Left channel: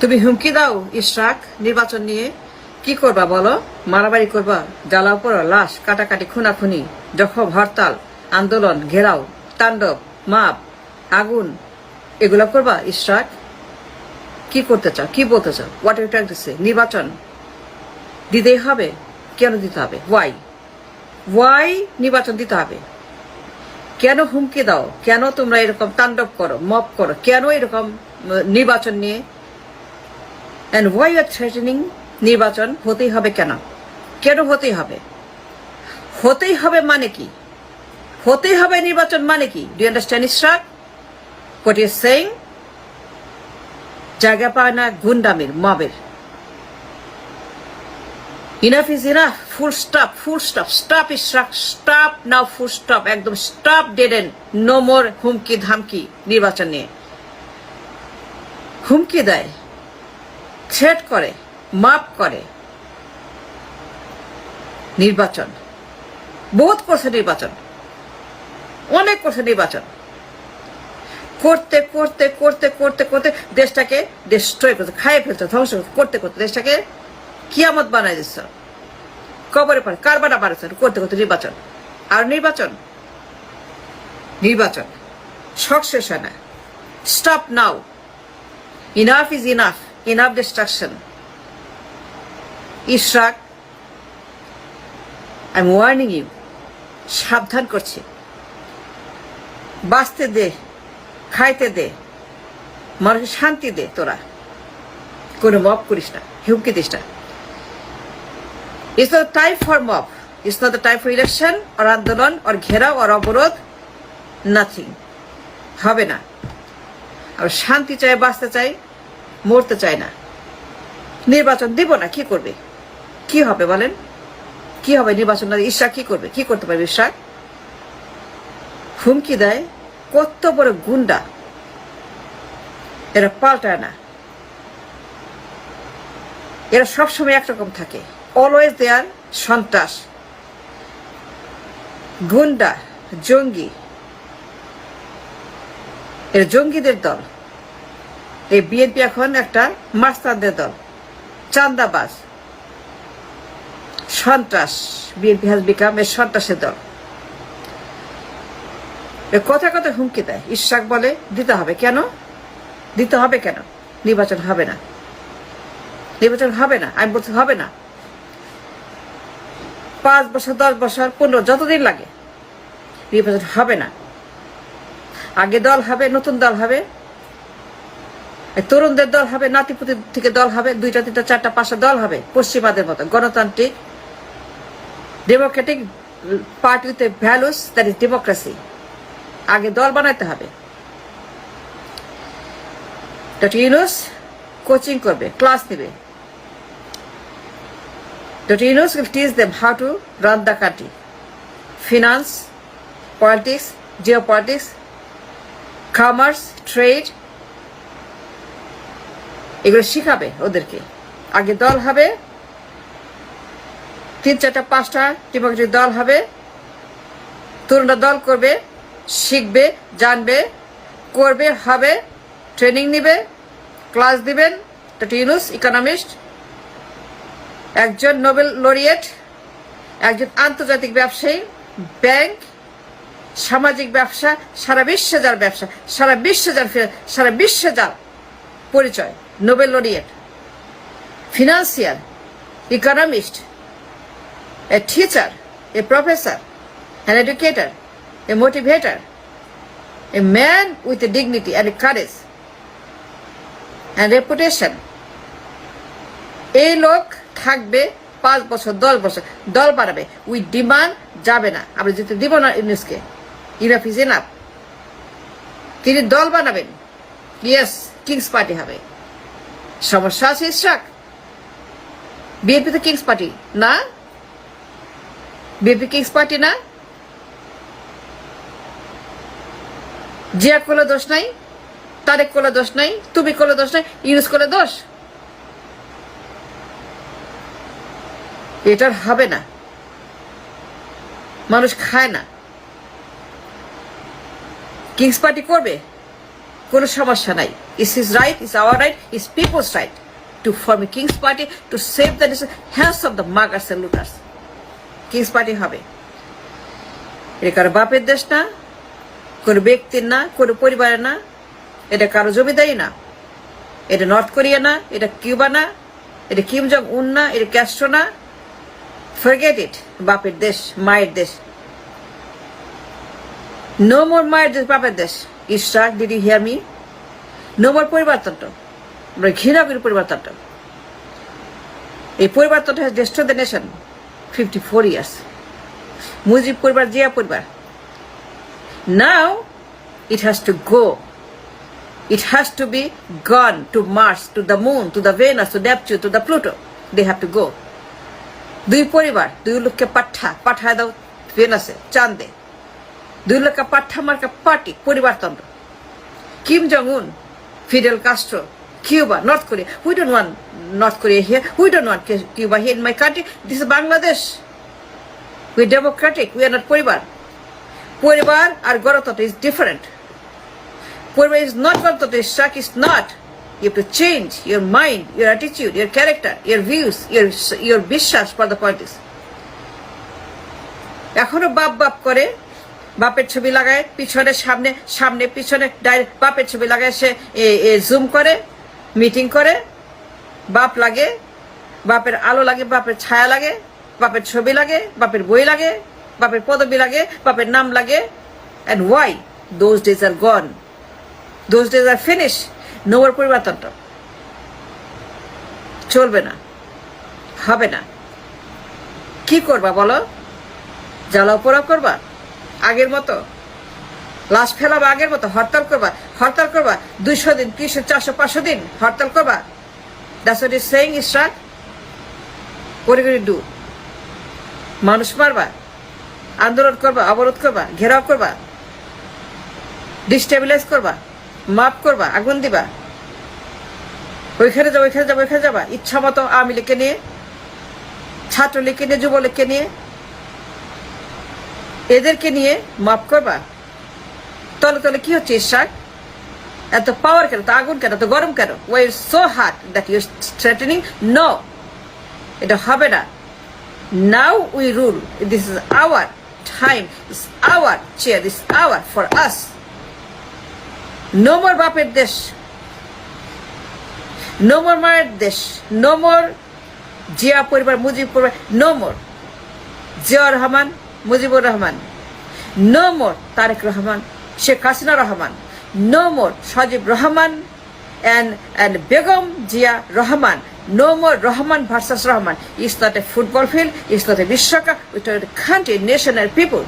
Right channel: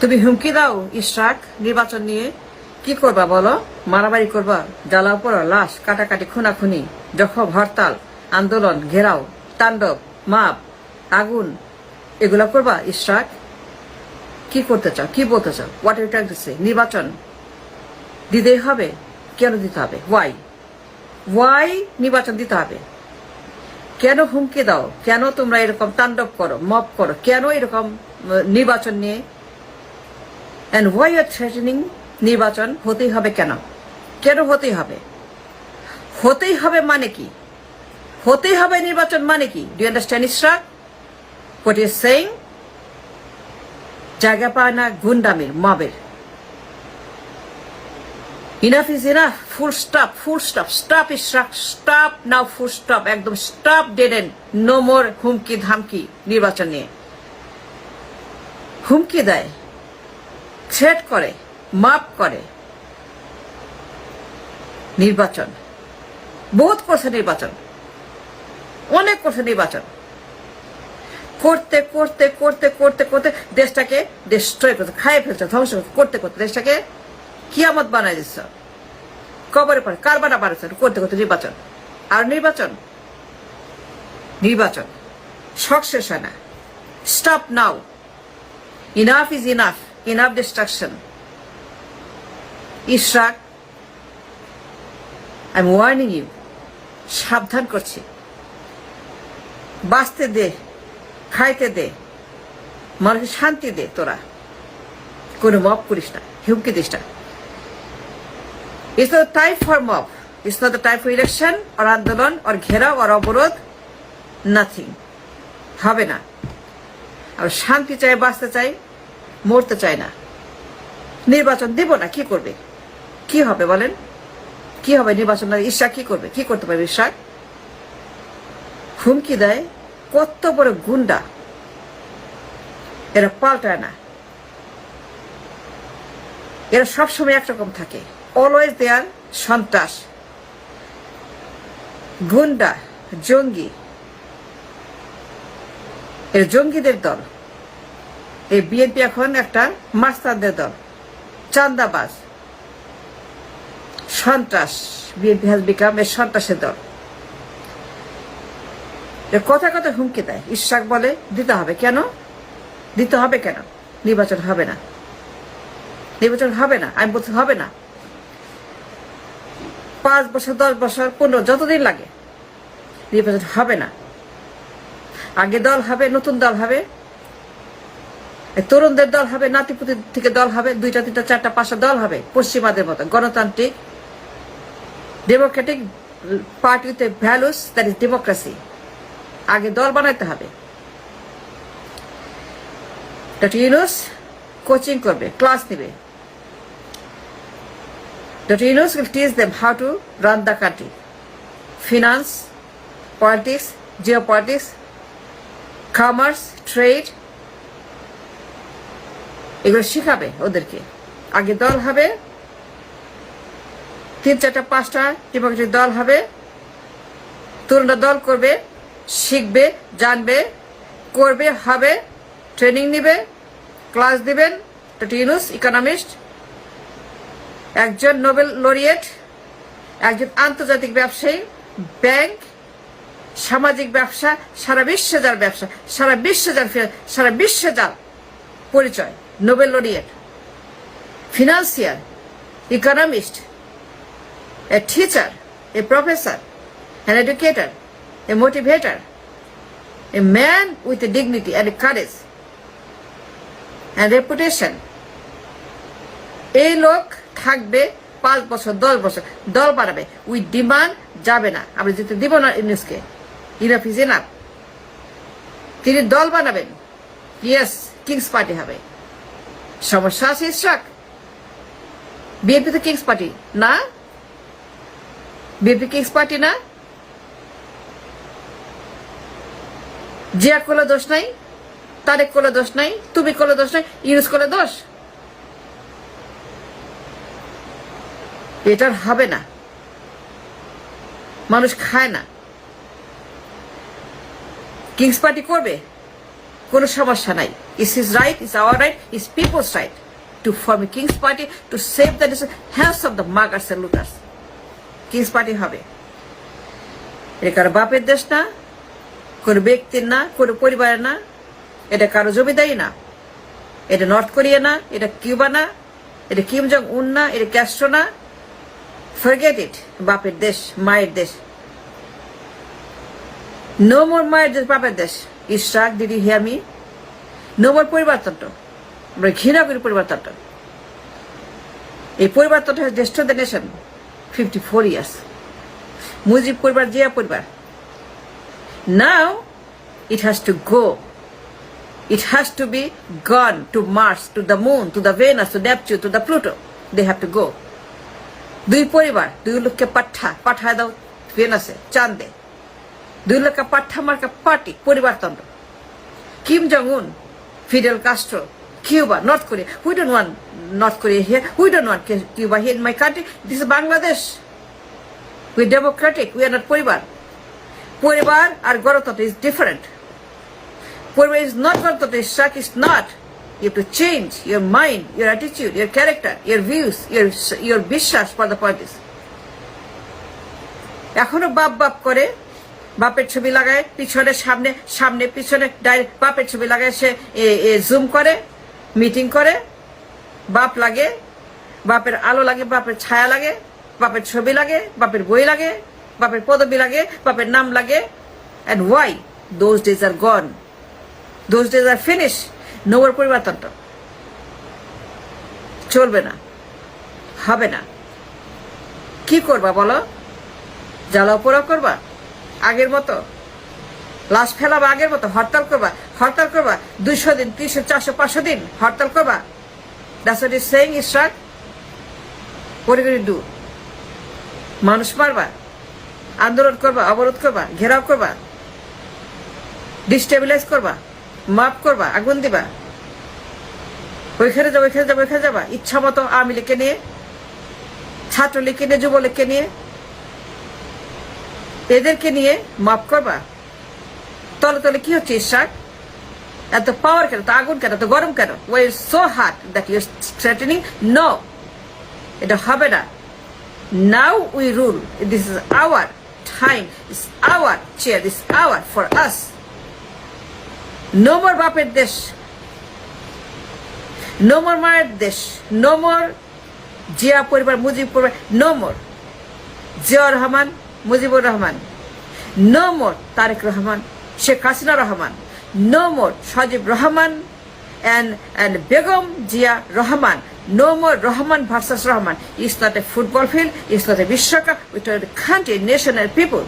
তুমি হুমকি দাও ইশরাক, নির্বাচন নিয়ে। কি করবা বলো? মারামারি করবা, জ্বালাও পড়ো, লাশ, কাটাকাটি, খুনাখুনি, জখম, হরতাল, আন্দোলন, ঘেরাও, তাণ্ডব, মাপ, আগুন, এগুলা করবা ইশরাক? কি করতে চাও? কি বলতে চাও? What you trying to say নির্বাচন দিতেই হবে? কেন দিতে হবে? ওয়াই ওয়াই নির্বাচন দিতে হবে? কেন হুমকি দাও? কেন তোমরা এরকম তাণ্ডব করো, মপ করো? কেন এরকম নির্বাচন নিয়ে অ্যান্ড ওয়াই আর থ্রেটেনিং নির্বাচন হতেই হবে কেন? কেন হতেই হবে? হতেই হবে মানে কি? হতেই হবে নির্বাচন মানে কি? Do understand Ishraq what is saying জায়গা পায় না গুন্ডামির, মবের। Enough is enough full stop full stop stop Ishraq stop now full stop একদম স্টপ ডেডেন নো মোর হুমকি ধামকি নির্বাচন নিয়ে। হুমকি দেয়। থ্রেট করে, মাপ করে নির্বাচন। বহুত করছে নির্বাচন। অনেক করছে নির্বাচন। করতে করতে করতে করতে করতে দেশটাকে ডিস্ট্রয় করতে, খাইয়ে ফেলছে, ধ্বংস করতে করতে দেশটাকে কিয়ামত বানাই দিচ্ছ। কবরে পরে কারবারা বাড়াচ্ছে করতে করতে নির্বাচন। আর নির্বাচন? নির্বাচন। শেষ হয় না। Stop now enough is enough destruction Ishraq I am warning you সাবধান করছি। বাঁচতে দে, খাইতে দে, মানুষের শান্তি দে তোরা। কোনো মব করিস না, হুমকি দিস না। It's not time for mob it's not the time for election আর আন্দোলন আর ঘেরাও আর অবরোধ নাথিং হবে না। আর শান্তি চাই, বাঁচতে চাই মরতে চায় না। নির্বাচন দিব না, কি করবে? কি হবে বলেন? কি হবে নির্বাচন ঈশা কি করবে? কি করতে পারবে ঈশা হুমকি দেয়, কত বড় গুন্ডা। এরা পাল্টায় না। এরা সবসময় একরকম থাকে। অলওয়েজ দেয়ার সন্ত্রাস। গুন্ডা, জঙ্গি। এর জঙ্গিদের দল। এই বিএনপি এখন একটা মাস্তানদের দল। চান্দাবাজ। সন্ত্রাস। বিএনপি হাজ বিকাম এর সন্ত্রাসের দল। এ কথা কথা হুমকি দেয়। ইশাক বলে, দিতে হবে। কেন? দিতে হবে কেন? নির্বাচন হবে না। নির্বাচন হবে না। আমি বলছি হবে না। পাঁচ বছর, দশ বছর, পনেরো, যতদিন লাগে। নির্বাচন হবে না। আগে দল হবে, নতুন দল হবে। তরুণদের দল হবে, নাতিপুতি থেকে দল হবে, দুইটা, তিনটা, চারটা, পাঁচটা দল হবে পশ্চিমাদের মতো। গণতান্ত্রিক, ডেমোক্রেটিক পার্টিতে ভ্যালুস দ্যাট ইজ ডেমোক্রেসি আগে দল বানাইতে হবে। ইউনুস কোচিং করবে, ক্লাস নেবে। Doctor Yunus will teach them how to run the country finance, politics, geopolitics, commerce, trade এগুলো শিখাবে ওদেরকে। আগে দল হবে, তিন চারটা, পাঁচটা ডেমোক্রেটিক দল হবে, তরুণরা দল করবে, শিখবে, জানবে, করবে, হবে, ট্রেনিং নিবে, ক্লাস দিবেন ইউনুস, ইকোনমিস্ট, একজন নোবেল লরিয়েট, একজন আন্তর্জাতিক ব্যবসায়ী, ব্যাংক, সামাজিক ব্যবসা, সারা বিশ্বে যার ব্যবসা, সারা বিশ্বে যার সারা বিশ্বে যার পরিচয়। Nobel laureate financier economist a teacher a professor an educator, a motivator, a man with a dignity and a courage and. এই লোক থাকবে পাঁচ বছর দশ বছর দল বাড়াবে। উই ডিমান্ড যাবে না। আমরা যেতে দিব না ইউনুসকে ইনাফ ইজ তিনি দল বানাবেন। ইয়েস কিংস পার্টি হবে। সমস্যা আছে ইশাক বিএনপি তো কিংস পার্টি না? বিএনপি কিংস পার্টি না? জিয়া করলে দোষ নাই? তারেক করলে দোষ নাই? তুমি করলে দোষ নাই? ইউজ করলে দোষ? এটার হবে না। মানুষ খায় না। কিংস পার্টি করবে? কোনো সমস্যা নাই। It's his right, it's our right, it's people's right to form a King's Party to save the hands of the muggers and looters. King's Party হবে। এটা কারও বাপের দেশ না কোনো ব্যক্তির না কোনো পরিবারের না এটা কারও জমিদারি না। এটা নর্থ কোরিয়া না এটা কিউবা না এটা কিম জং উন না এটা ক্যাস্ট্রো না। ফরগেট ইট বাপের দেশ মায়ের দেশ। নো মোর মায়ের দেশ বাপের দেশ। Ishraq did hear me no more পরিবারতন্ত্র আমরা ঘৃণা করি পরিবারতন্ত্র এই পরিবারতন্ত্র has destroy the nation fifty four years Mujib পরিবার জিয়া পরিবার। Now it has to go It has to be gone to Mars, to the moon, to the Venus, to Neptune, to the Pluto. They have to go. দুই পরিবার দুই লোককে পাঠা পাঠায় দাও ভেনাসে চাঁদে। দুই লোককে পাঠা মার্কা পার্টি পরিবারতন্ত্র। Kim Jong Un Fidel Castro Cuba North Korea we don't want North Korea here we don't want Cuba here in my country this is Bangladesh we democratic we are not পরিবার পরিবার আর গণতন্ত্র is different Purva is not Gantatra, Shak is not. You have to change your mind, your attitude, your character, your views, your your বিশ্বাস for the parties. এখনও বাপ বাপ করে বাপের ছবি লাগায়, পিছনে, সামনে সামনে, পিছনে, ডাইরেক্ট বাপের ছবি লাগায় সে জুম করে মিটিং করে, বাপ লাগে, বাপের আলো লাগে, বাপের ছায়া লাগে, বাপের ছবি লাগে, বাপের বই লাগে, বাপের পদবি লাগে, বাপের নাম লাগে and why those days are gone those days are finish নোয়ার পরিবর্তনটা। চলবে না। হবে না। কি করবা বলো? জ্বালাও পোড়া করবা? আগের মতো? লাশ ফেলাবা আগের মতো? হরতাল করবা? হরতাল করবা? দুইশো দিন, তিনশো, চারশো, পাঁচশো দিন হরতাল করবা? সেইং ডু মানুষ মারবা? আন্দোলন করবা? অবরোধ করবা? ঘেরাও করবা? ডিস্টেবিলাইজ করবা? মাপ করবা? আগুন দিবা? ওইখানে যাব ওইখানে যাব, ওইখানে যাবা? ইচ্ছা মতো আওয়ামী লীগকে নিয়ে, ছাত্রলীগকে নিয়ে, যুবলীগকে নিয়ে? এদেরকে নিয়ে মাফ করবা? তলে তলে কি হচ্ছে ইশাক এত পাওয়ার কেন? এত আগুন কেন? এত গরম কেন? Why is so hard that your threatening no এটা হবে না। Now we rule this is our time is our chair this our for us no more বাপের দেশ। নোমর মায়ের দেশ। নোমর জিয়া পরিবার, মুজিব পরিবার। নোমর Ziaur Rahman. Mujibur Rahman. No more Tarique Rahman Sheikh Hasina Rahman no more Sajeeb Rahman Begum Zia Rahman no more Rahman versus Rahman is not a football field is not a বিশ্বকাপ it a country nation এর people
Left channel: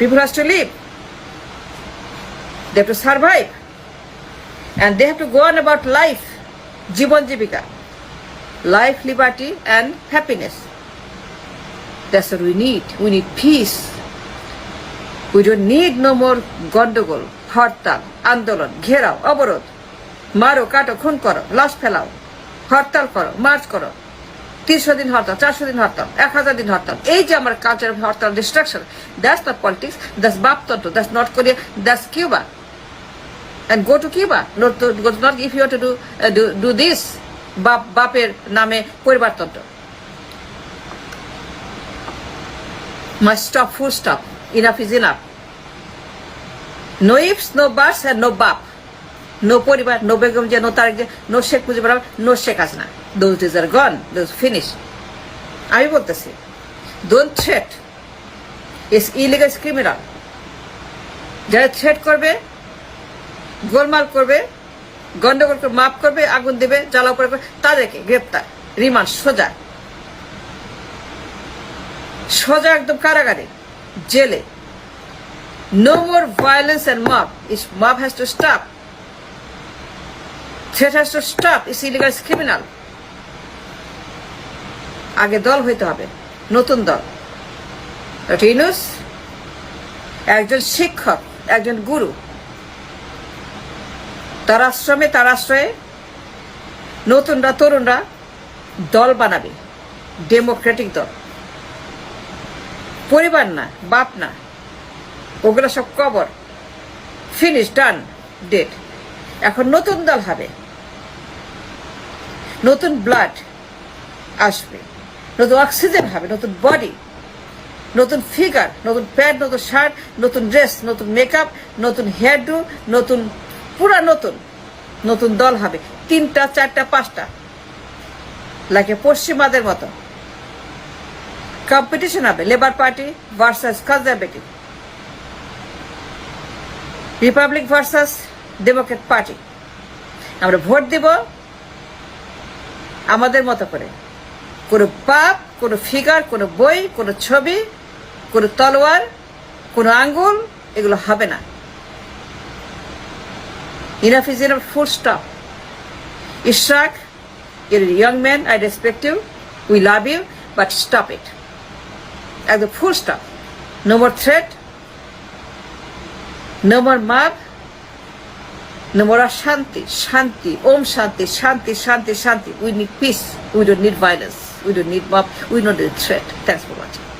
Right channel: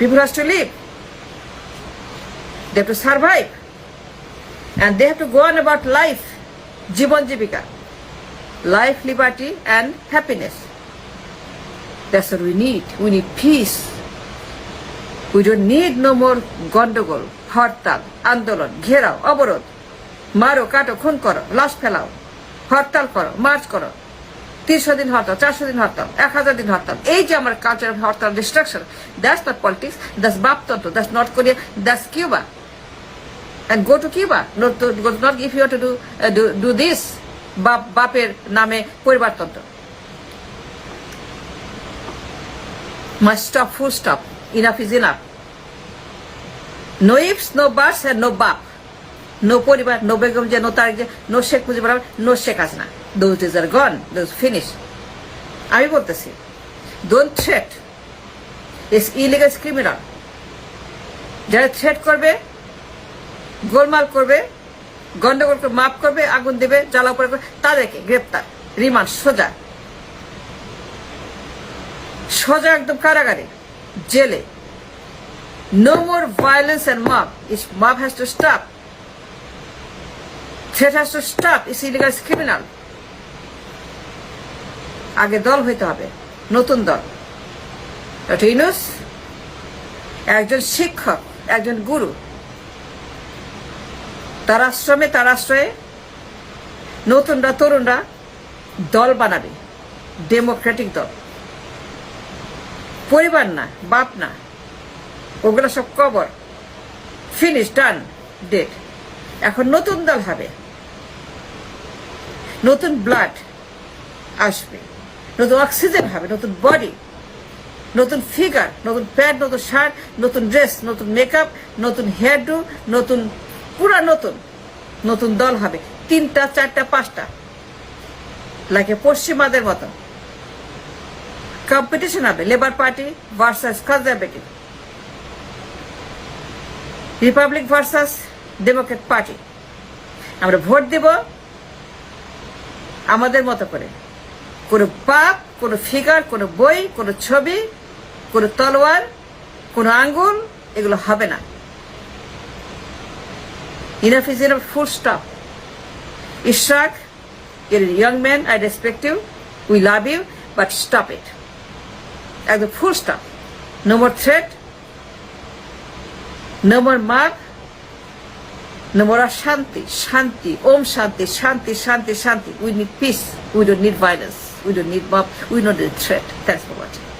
people has to live they to survive and they have to go on about life জীবন জীবিকা life liberty and happiness That's what we need. We need peace. We don't need no more গন্ডগোল হরতাল আন্দোলন ঘেরাও অবরোধ মারো কাটো খুন করো লাশ ফেলাও হরতাল করো মার্চ করো তিনশো দিন হরতাল চারশো দিন হরতাল এক হাজার দিন হরতাল এই যে আমার culture hartal destruction that's not politics that's বাপতন্ত্র that's North Korea that's Cuba and go to Cuba. Not, to, not if you want to do, uh, do, do this, বাপ বাপের নামে পরিবারতন্ত্র must stop, full stop. Enough is enough. No ifs, no buts, and no bap. No পরিবার, no Begum যে, no Tarique যে, no Sheikh Mujibur Rahman, no Sheikh Hasina. Those days are gone. Those finished. আমি বলতেছি don't threat is illegal criminal যারা threat করবে গোলমাল করবে গন্ডগোল করে মাফ করবে আগুন দেবে জ্বালা জ্বালাও করে তাদেরকে গ্রেপ্তার রিমান্ড সোজা সোজা একদম কারাগারে, জেলে। No more violence and map is map has to stop threat has to stop is illegal criminal আগে দল হইতে হবে, নতুন দল। ইউনুস, একজন শিক্ষক, একজন গুরু। তার আশ্রমে, তার আশ্রয়ে নতুনরা, তরুণরা দল বানাবে ডেমোক্রেটিক দল। পরিবার না, বাপ না। ওগুলো সব কবর। ফিনিশ ডান ডেট এখন নতুন দল হবে। নতুন ব্লাড আসবে। নতুন অক্সিজেন হবে, নতুন বডি নতুন ফিগার নতুন প্যান্ট নতুন শার্ট নতুন ড্রেস নতুন মেকআপ নতুন হেয়ার ডু নতুন, পুরা নতুন নতুন দল হবে। তিনটা, চারটা, পাঁচটা। লাগে পশ্চিমাদের মতো। কম্পিটিশন হবে labour party versus conservative republic versus democrat party আমরা ভোট দেব আমাদের মতো করে। কোনো পাপ, কোনো ফিগার, কোনো বই, কোনো ছবি, কোনো তলোয়ার, কোনো আঙ্গুল, এগুলো হবে না। Enough is enough full stop you're a young man, I respect you, we love you, but stop it as a full stop no more threat no more mark, no more Shanti, Shanti, Om Shanti, Shanti, Shanti, Shanti. We need peace. We don't need violence. We don't need mob. We don't need threat. Thanks for watching.